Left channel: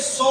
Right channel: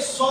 100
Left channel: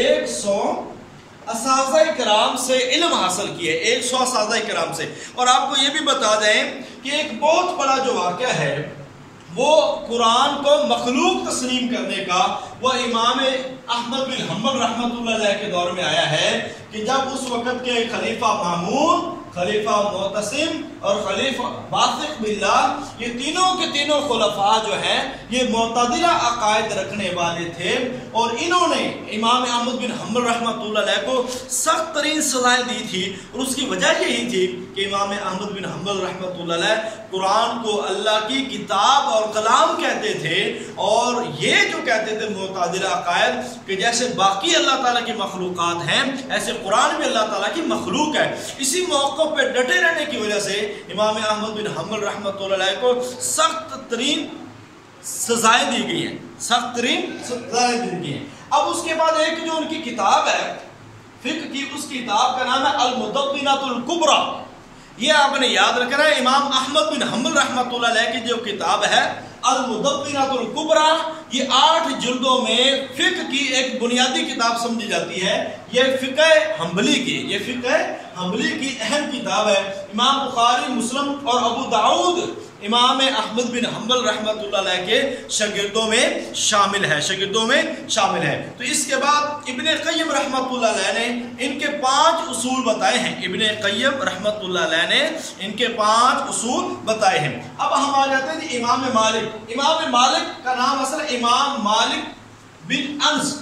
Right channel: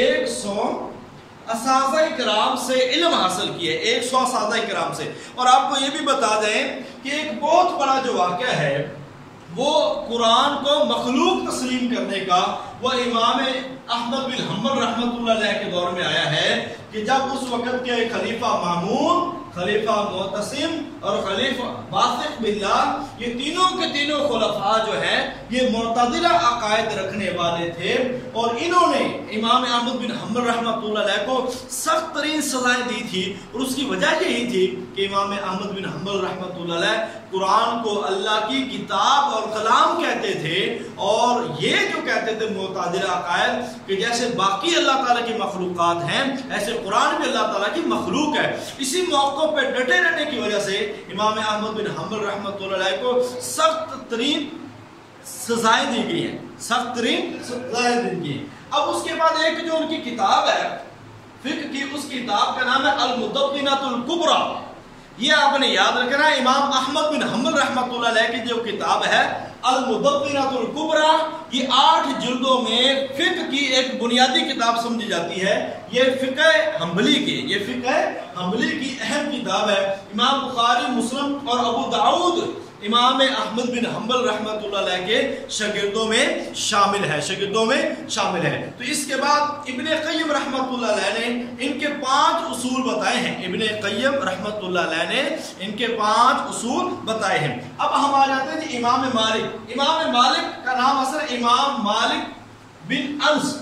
100 اساتذہ کرام سے علم حاصل کیا ہے، 100 اساتذہ کرام سے۔ اور آپ کو یہ بھی بتا دیں کہ ایک بہت بڑا جو واقعہ ہے وہ قرآن کو مخلوق تسلیم کرنے کا، وہ امام احمد بن حنبل رحمۃ اللہ علیہ کے دور میں آیا ہے کہ جب اس وقت کے خلیفہ مامون، خلیفہ معتصم اور خلیفہ واثق باللہ، یہ تینوں کے تینوں خلفاء جو ہیں یہ معتدلہ عقائد رکھنے والے تھے، اور انہوں نے امام احمد بن حنبل رحمۃ اللہ علیہ کو سخت ترین سزائیں دی تھی، اور اس کی وجہ یہی تھی کہ امام احمد بن حنبل رحمۃ اللہ علیہ قرآن کو اللہ کی کتاب اور کلام کہتے تھے، اور یہ جو کہتے تھے معتدلہ عقائد کہ جیسے باقی اللہ تعالیٰ کی مخلوقات ہیں ایسے قرآن بھی اللہ تعالیٰ کی مخلوق ہے۔ اسی موقع پہ ڈٹے رہنے کی وجہ سے امام احمد بن حنبل رحمۃ اللہ علیہ کو سخت ترین سزائیں دی گئی ہیں، سخت ترین سزائیں دی گئی ہیں۔ اب اس کے بعد ایک جو ان کی کتاب ہے فقہ کی، اس کتاب کا نام ہے المدونۃ الکبریٰ۔ یہ آپ نے یاد رکھنا ہے، امام احمد بن حنبل رحمۃ اللہ علیہ کی جو کتاب ہے المدونۃ الکبریٰ، یہ 8 جلدوں میں فقہ کی ایک بنیادی کتاب سمجھی جاتی ہے۔ یہ فقہ حنبلی کی، یہ فقہ حنبلی کی اہم کتاب ہے۔ امام بخاری، مسلم اور ابو داؤد امام احمد بن حنبل رحمۃ اللہ علیہ کے شاگردوں میں شامل ہے، شاگردوں میں شامل ہے۔ تو اس کے بعد ابن قیم رحمۃ اللہ علیہ نے ان کے 5 اصول بتائے ہیں، ابن قیم رحمۃ اللہ علیہ نے ان کے 5 اصول بتائے ہیں۔ اب ہم آ جاتے ہیں امام مالک۔ امام مالک کا نام اصل امام مالک بن انس،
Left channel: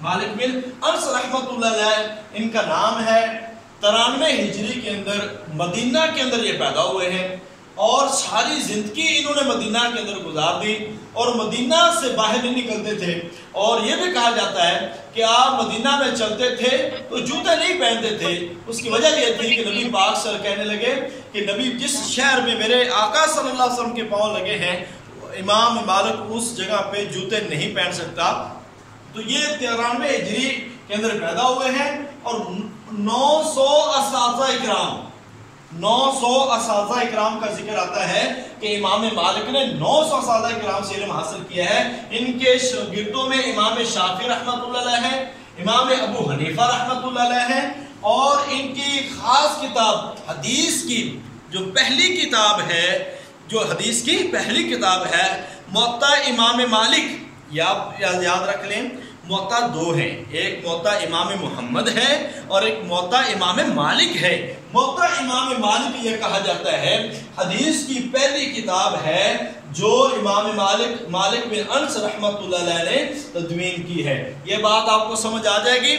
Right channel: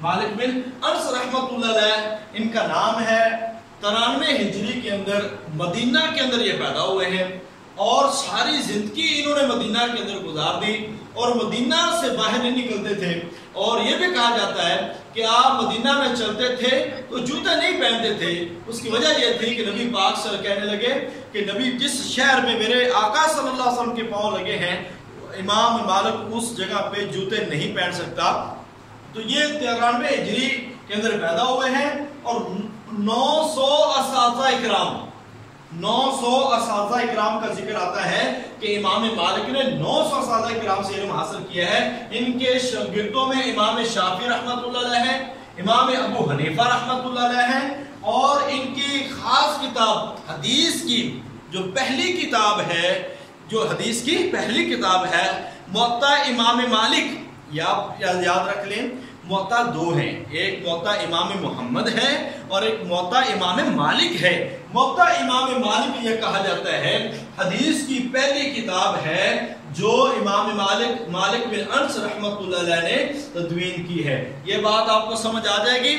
مالک بن انس رحمۃ اللہ علیہ ان کا نام ہے۔ 93 ہجری کے اندر مدینہ کے اندر یہ پیدا ہوئے ہیں، اور ساری زندگی انہوں نے مدینہ کے اندر گزار دی، اور مدینہ سے باہر نہیں نکلتے تھے۔ اور یہ بھی کہا جاتا ہے کہ آپ مدینہ میں چلتے تھے تو جوتے نہیں پہنتے تھے۔ اس کی وجہ یہ تھی کہ نبی پاک صلی اللہ علیہ وسلم کہنے لگے کہ نبی جس شہر میں میرے آقا صلی اللہ علیہ وسلم کے پاؤں لگے ہیں امام مالک اس جگہ پہ جوتے نہیں پہن سکتا۔ تو یہ 93 ہجری کے اندر پیدا ہوئے ہیں، اور 900 اساتذہ اکرام، 900 اساتذہ اکرام کا ذکر آتا ہے کہ امام مالک نے 900 اساتذہ اکرام سے علم حاصل کیا ہے۔ ان کے شاگردوں میں امام شافعی رحمۃ اللہ علیہ ہیں، امام ابو حنیفہ رحمۃ اللہ علیہ ہیں، اور ان کی خاص کتاب حدیث کی جو پہلی کتاب ہے، جو حدیث کی پہلی کتاب ہے موطا امام مالک۔ یاد رکھ لیں موطا 2 ہیں، ایک موطا امام محمد ہے اور ایک موطا امام مالک ہے۔ موطا امام مالک یہ کہا جاتا ہے حدیث کی پہلی کتاب ہے جو امام مالک بن انس رحمۃ اللہ علیہ نے تدوین کی ہے۔ یہ بات آپ کو سمجھ آ جائے گی۔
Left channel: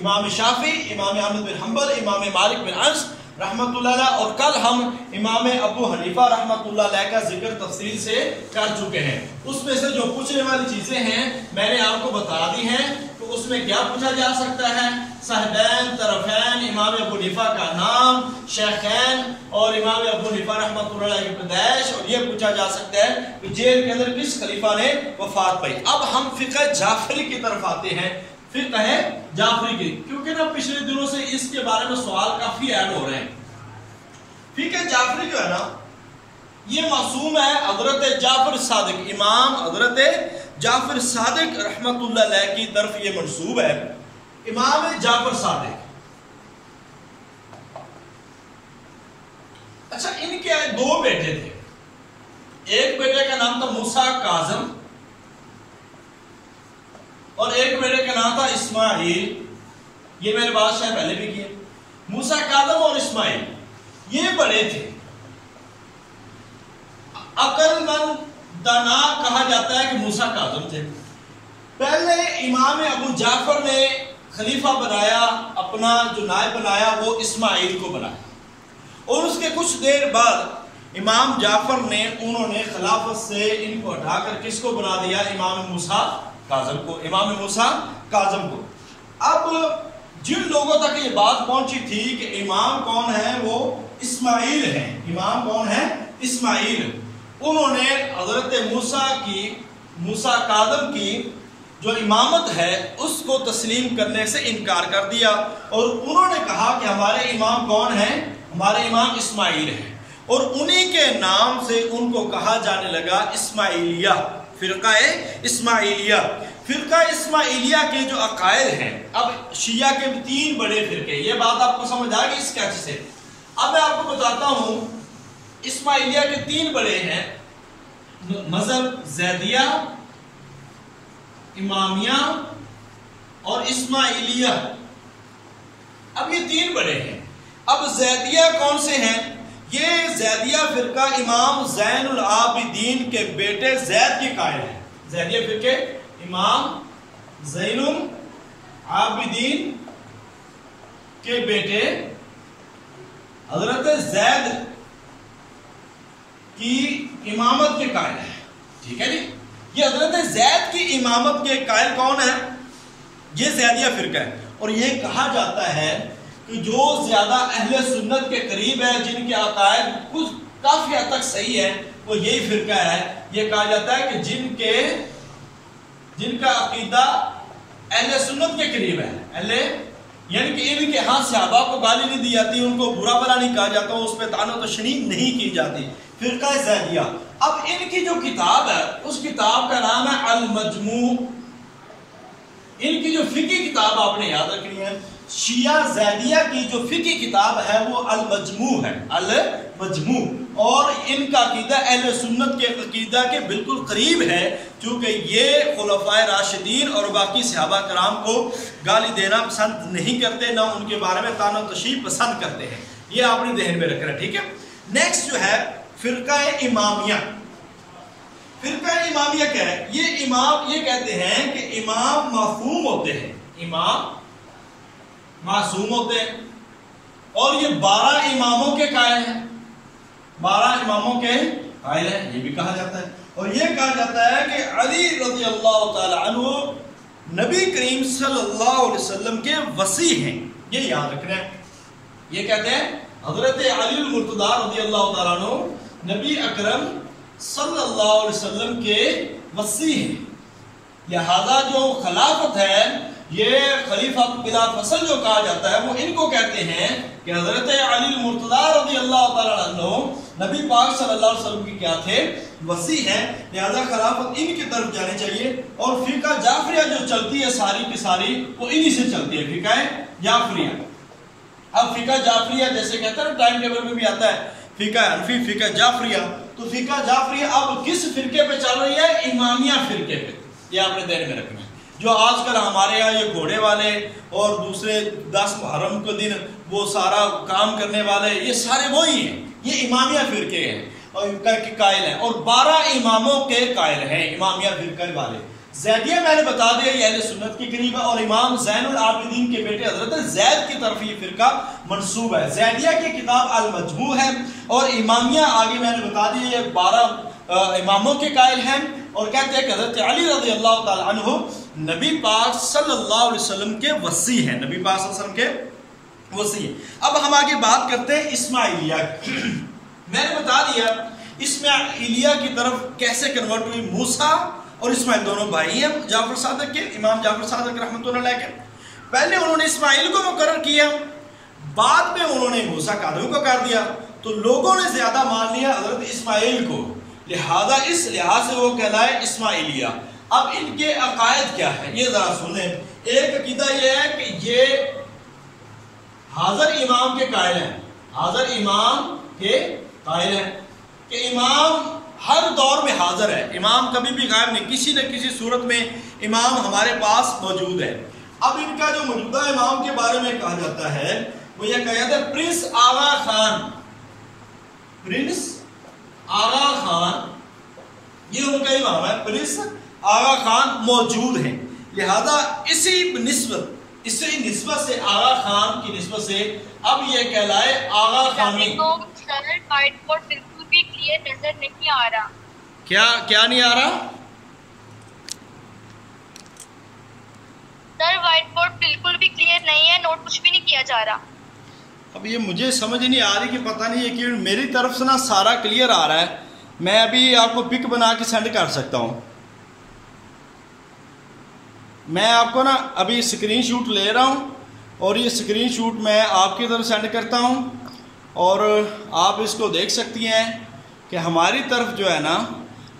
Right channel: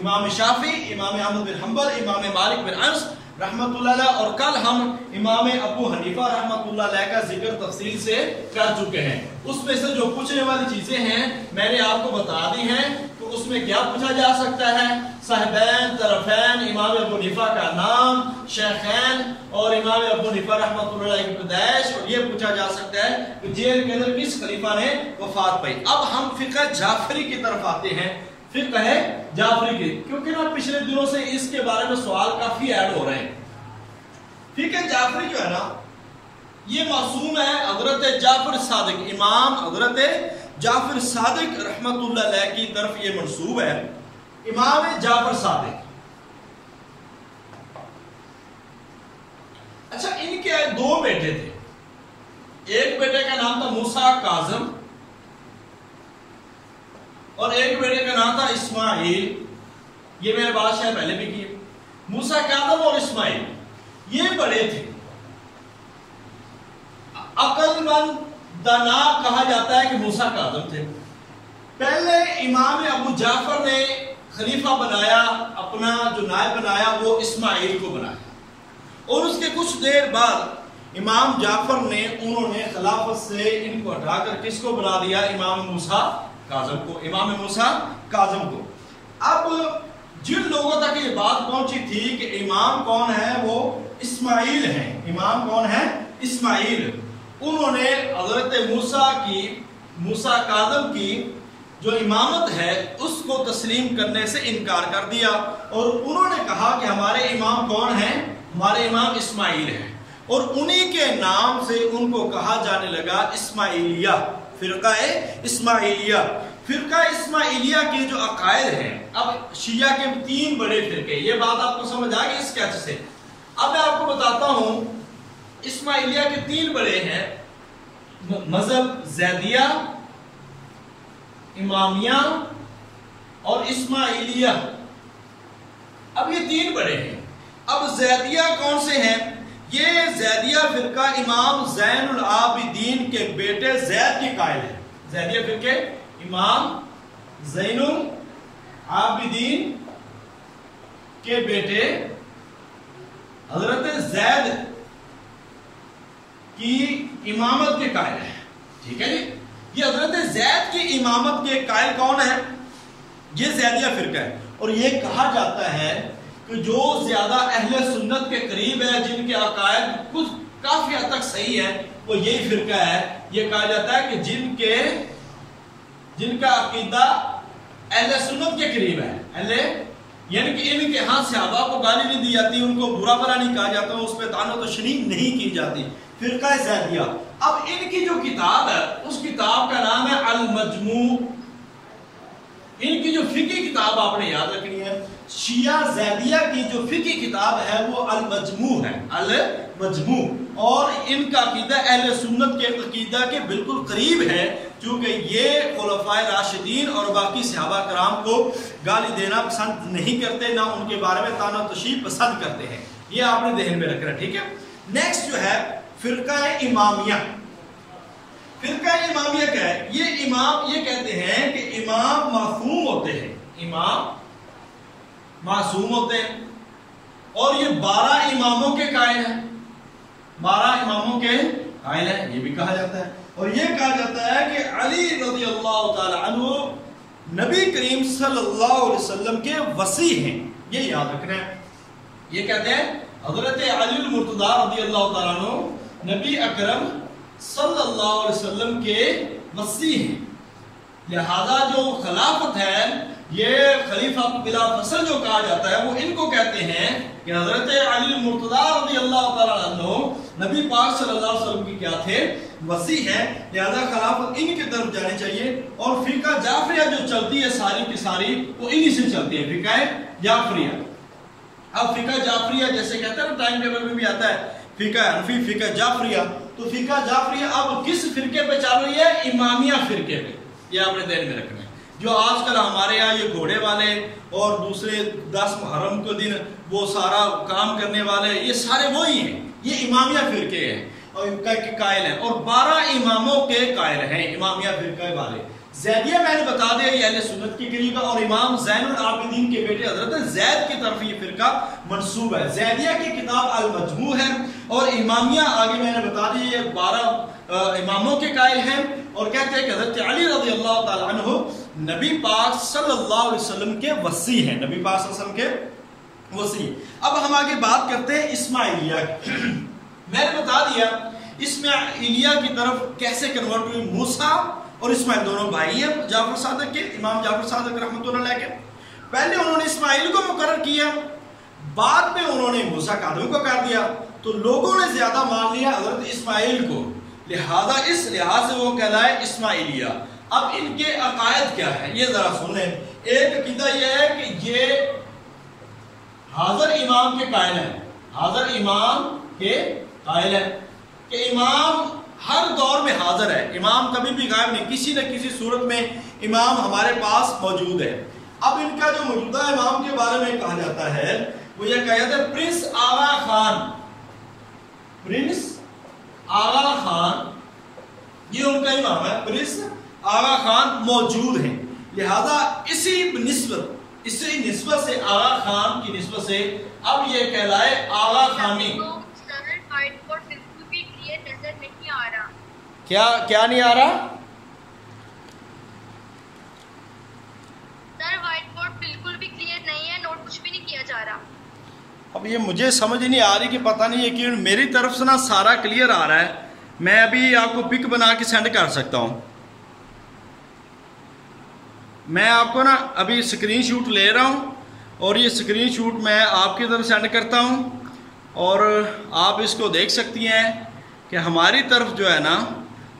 امام شافعی، امام احمد بن حنبل، امام مالک بن انس رحمۃ اللہ علیہ، اور کل ہم امام ابو حنیفہ رحمۃ اللہ علیہ کا ذکر تفصیل سے کر چکے ہیں۔ اس میں سے جو پوچھنے والی چیزیں ہیں میں نے آپ کو بتا دی ہیں، تو اس میں کیا پوچھا جا سکتا ہے؟ صاحبین، طرفین، امام ابو حنیفہ کا نام، شیخین اور امام ابو حنیفہ رحمۃ اللہ علیہ کی پیدائش، اور یہ پوچھا جا سکتا ہے کہ جیل کے اندر کس خلیفہ نے وفات پائی۔ اب ہم فقہ جعفری کی طرف آتے ہیں، فقہ ہے جعفری کی، کیونکہ نا پچھلے دنوں سے اس کے بارے میں سوال کافی ایڈ ہو رہے ہیں۔ فقہ جعفری جو ہے نا یہ معصوم ہے حضرت جعفر صادق، امام حضرت جعفر صادق رحمت اللہ علیہ کی طرف یہ منسوب ہے۔ امام جعفر صادق، اچھا ان کے 2 بیٹے تھے، ایک بیٹے کا نام تھا موسیٰ کاظم اور ایک بیٹے کا نام تھا اسماعیل۔ یہ میں نے بات شاید پہلے بھی کی ہے۔ موسیٰ کاظم اور اسماعیل یہ بڑے تھے، عقل مند دانا کہا جاتا ہے کہ موسیٰ کاظم تھے۔ پہلے امام ابو جعفر نے خلیفہ بنایا، اپنا جو نائب بنایا وہ اسماعیل کو بنایا، اور اس کے کچھ دیر بعد امام جعفر نے انہوں نے خلافت سے ان کو ہٹا کر کس کو بنا دیا؟ امام موسیٰ کاظم کو، امام موسیٰ کاظم کو۔ اب جن لوگوں تک یہ بات پہنچی تھی کہ امام کون ہے وہ اسماعیل ہیں، امام کون ہے؟ اسماعیل، انہوں نے حضرت موسیٰ کاظم کی جو امامت ہے اس کو تسلیم کرنے سے انکار کر دیا، اور انہوں نے کہا کہ ہمارے امام کون ہیں؟ ہمارے امام اسماعیل ہیں، اور انہی کے نام سے ان کو کہا جانے لگا اسماعیلیہ، فرقہ اسماعیلیہ۔ فرقہ اسماعیلیہ کے جو عقائد ہیں، اب شیعہ کے 3 بڑے فرقے، یہ بات آپ کو سمجھ آ گئی اس کیچ سے۔ اب میں آپ کو بتاتا ہوں اسماعیلیہ کے 3 بڑے ہیں، مذہب زیدیہ، امامیہ اور اسماعیلیہ۔ اب یہ 3 بڑے ہیں۔ اب زیدیہ کون سے ہیں؟ یہ زیدیہ فرقہ امام زین العابدین کے بیٹے زید کے قائل ہیں۔ زیدیہ فرقے امام زین العابدین کے بیٹے حضرت زید کی امامت کے قائل ہیں، ٹھیک ہے جی۔ یہ حضرت زید کی امامت کے قائل کون ہیں؟ یہ زیدیہ فرقہ ہے، اور یہ کہا جاتا ہے کہ جو زیادہ اہل سنت کے قریب ہے، جن کے عقائد کچھ کافی حد تک صحیح ہے، وہ یہی فرقہ ہے۔ یہ کہا جاتا ہے کہ جن کا عقیدہ اہل سنت کے قریب ہے، یعنی کہ ان کے ہاں صحابہ کو گالی نہیں دی جاتی، ان کو برا بھلا نہیں کہا جاتا، اس پہ طعن و تشنیع نہیں کی جاتی، فرقہ زیدیہ۔ اب ان کی جو کتاب ہے، اس کتاب کا نام ہے المجموع۔ ان کی جو فقہی کتاب آپ نے یاد رکھنی ہے، شیعہ زیدیہ کی جو فقہی کتاب ہے وہ المجموع ہے، المجموع۔ اور ان کا عقیدہ اہل سنت کے عقیدہ کے بالکل قریب ہے، چونکہ یہ خلفائے راشدین اور باقی صحابہ کرام کو گالی دینا پسند نہیں کرتے، نہ ان کے بارے میں طعن و تشنیع پسند کرتے ہیں۔ یہ آپ نے ذہن میں رکھنا، ٹھیک ہے۔ نیکسٹ جو ہے فرقہ امامیہ۔ فرقہ امامیہ کیا ہے؟ یہ امام یہ کہتے ہیں کہ امام معصوم ہوتے ہیں، امام معصوم ہوتے ہیں، اور یہ 12 اماموں کے قائل ہیں، 12 اماموں کے قائل ہیں، یہ بھی کہا جاتا ہے۔ اور یہ کہا جاتا ہے کہ علی رضی اللہ تعالی عنہ نبی کریم صلی اللہ علیہ وسلم کے وصی ہیں، یہ یاد رکھنا ہے۔ یہ کہتے ہیں حضرت علی المرتضی رضی اللہ تعالیٰ عنہ نبی اکرم صلی اللہ علیہ وسلم کے وصی ہیں، لہذا جو خلافت ہے، یہ خلیفہ بلا فصل جو کہا جاتا ہے، وہ ان کو کہتے ہیں کہ حضرت علی المرتضی رضی اللہ تعالیٰ عنہ نبی پاک صلی اللہ علیہ وسلم کی کیا تھے؟ وصی ہیں، لہذا خلافت ان کی طرف جانی چاہیے۔ اور فقہ جعفریہ جو چلتی ہے ساری کی ساری، وہ انہی سے چلتی ہے، فقہ جعفریہ۔ اب فقہ جعفریہ جیسے کہتے ہیں ٹائم ٹیبل میں بھی آتا ہے فقہ حنفی، فقہ جعفریہ، تو فقہ جعفریہ اب کس فرقے پہ چل رہی ہے؟ امامیہ فرقے پہ۔ یہ آپ نے ذہن میں رکھنا ہے۔ جو آج کل ہمارے یہاں یہ گھوڑے والے اور دوسرے 10 محرم کے دن وہ سارا کام کرنے والے، یہ سارے وہی ہیں، یہ امامیہ فرقے ہیں اور قائل ہیں، اور 12 اماموں کے قائل ہیں امامیہ فرقے والے۔ زیدیہ میں نے بتا دیا یہ اہل سنت کے قریب ہے، اور امام زین العابدین کے بیٹے حضرت زید کی طرف یہ فرقہ منسوب ہے۔ زیدیہ کی کتاب المجموع ہے، اور امامیہ آگے میں نے بتا دیا یہ 12 اماموں کے قائل ہیں، اور کہتے ہیں کہ حضرت علی رضی اللہ تعالی عنہ نبی پاک صلی اللہ علیہ وسلم کے وصی ہیں، نبی پاک صلی اللہ علیہ وسلم کے وصی ہیں۔ اب ہم آگے بات کرتے ہیں اسماعیلیہ کی۔ میں نے بتا دیا اسماعیلیہ کی طرف کیسے کنورٹ ہوئی۔ موسیٰ اور اسماعیل دونوں بھائی ہیں جعفر صادق کے، امام جعفر صادق رحمۃ اللہ علیہ کے۔ پہلے انہوں نے اسماعیل کو مقرر کیا، بعد میں انہوں نے موسیٰ قادم کو کر دیا، تو لوگوں نے زیادہ مان لیا حضرت اسماعیل کو، لہذا اس لحاظ سے وہ کہلائے اسماعیلیہ۔ اب ان کے عقائد کیا ہے یہ ذرا سن لیں۔ ایک عقیدہ یہ ہے کہ یہ حاضر امام کے قائل ہیں، حاضر امام کے قائل ہیں کہ امام ہر دور میں حاضر ہے، امام کبھی بھی غائب نہیں، کسی نہ کسی صورت میں امام ہمارے پاس موجود ہے۔ اب ان کا جو موجودہ امام کے بارے میں کہا جاتا ہے وہ یہ کہا جاتا ہے پرنس آغا خان، پرنس آغا خان یہ ان کا امام ہے، پرنس آغا خان موجود ہیں، لہذا اسی نسبت سے آغا خان کی نسبت سے اب یہ کہلائے آغا خانی۔ وائٹ بورڈ بالکل بھی کلیئر نظر نہیں آ رہا۔ کیا نہیں آ رہا؟ سر وائٹ بورڈ بالکل بھی کلیئر نہیں ہے، نوٹ کچھ بھی نہیں کیا جا رہا۔ اب یہ مجھے سمجھ نہیں آ رہی کہ پتہ نہیں ہے کہ میری طرف سے نا سارا کلیئر آ رہا ہے، میں ابھی آپ کو پک بنا کے سینڈ کر سکتا ہوں۔ میں آپ کو نا ابھی اسکرین شاٹ لے رہا ہوں، اور یہ اسکرین شاٹ میں آپ کی طرف سینڈ کرتا ہوں، اور آپ اس کو دیکھ سکتی ہیں کہ ہماری طرف جو ہے نا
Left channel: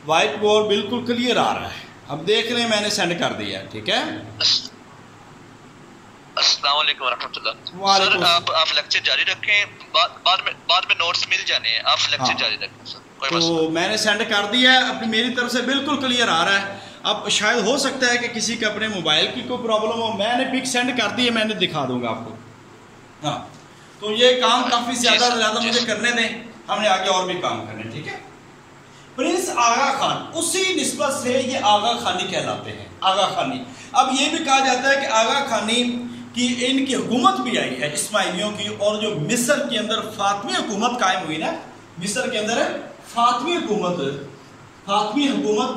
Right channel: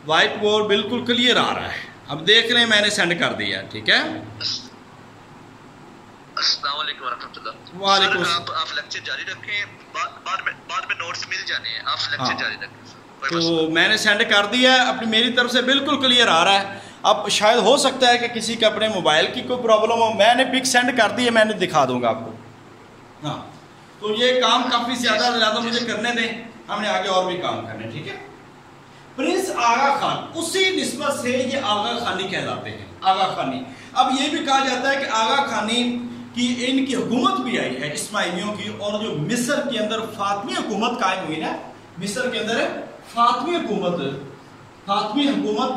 وائٹ بورڈ بالکل کلیئر آ رہا ہے۔ اب دیکھ لیں میں نے سینڈ کر دیا، ٹھیک ہے۔ السلام علیکم ورحمۃ اللہ۔ وعلیکم سر آپ لیکچر جاری رکھیں، بعد میں نوٹس مل جانے ہیں، آپ لیکچر جاری رکھیں سر، کوئی مسئلہ تو میں نے سینڈ کر دیا ہے، اپنی میری طرف سے بالکل کلیئر آ رہا ہے۔ اب شاید ہو سکتا ہے کہ کسی کے اپنے موبائل کی کوئی پرابلم ہو، میں نے پک سینڈ کر دی ہے، میں نے دکھا دوں گا آپ کو۔ ہاں تو یہ کام کافی زیادہ مجھے کرنے دیں، ہم نے آگے اور بھی کام کرنے، ٹھیک ہے۔ پرنس آغا خان، اسی نسبت سے یہ آغا خانی کہلاتے ہیں، آغا خانی۔ اب یہ بھی کہا جاتا ہے کہ آغا خانی کی ان کی حکومت بھی آئی ہے اسماعیلیوں کی، اور جو مصر کے اندر فاطمی حکومت قائم ہوئی نا، مصر کے اندر فاطمی حکومت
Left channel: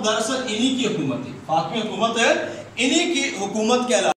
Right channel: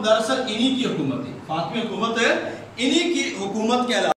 دراصل انہی کی حکومت تھی، فاطمی حکومت انہی کی حکومت کہلاتی ہے۔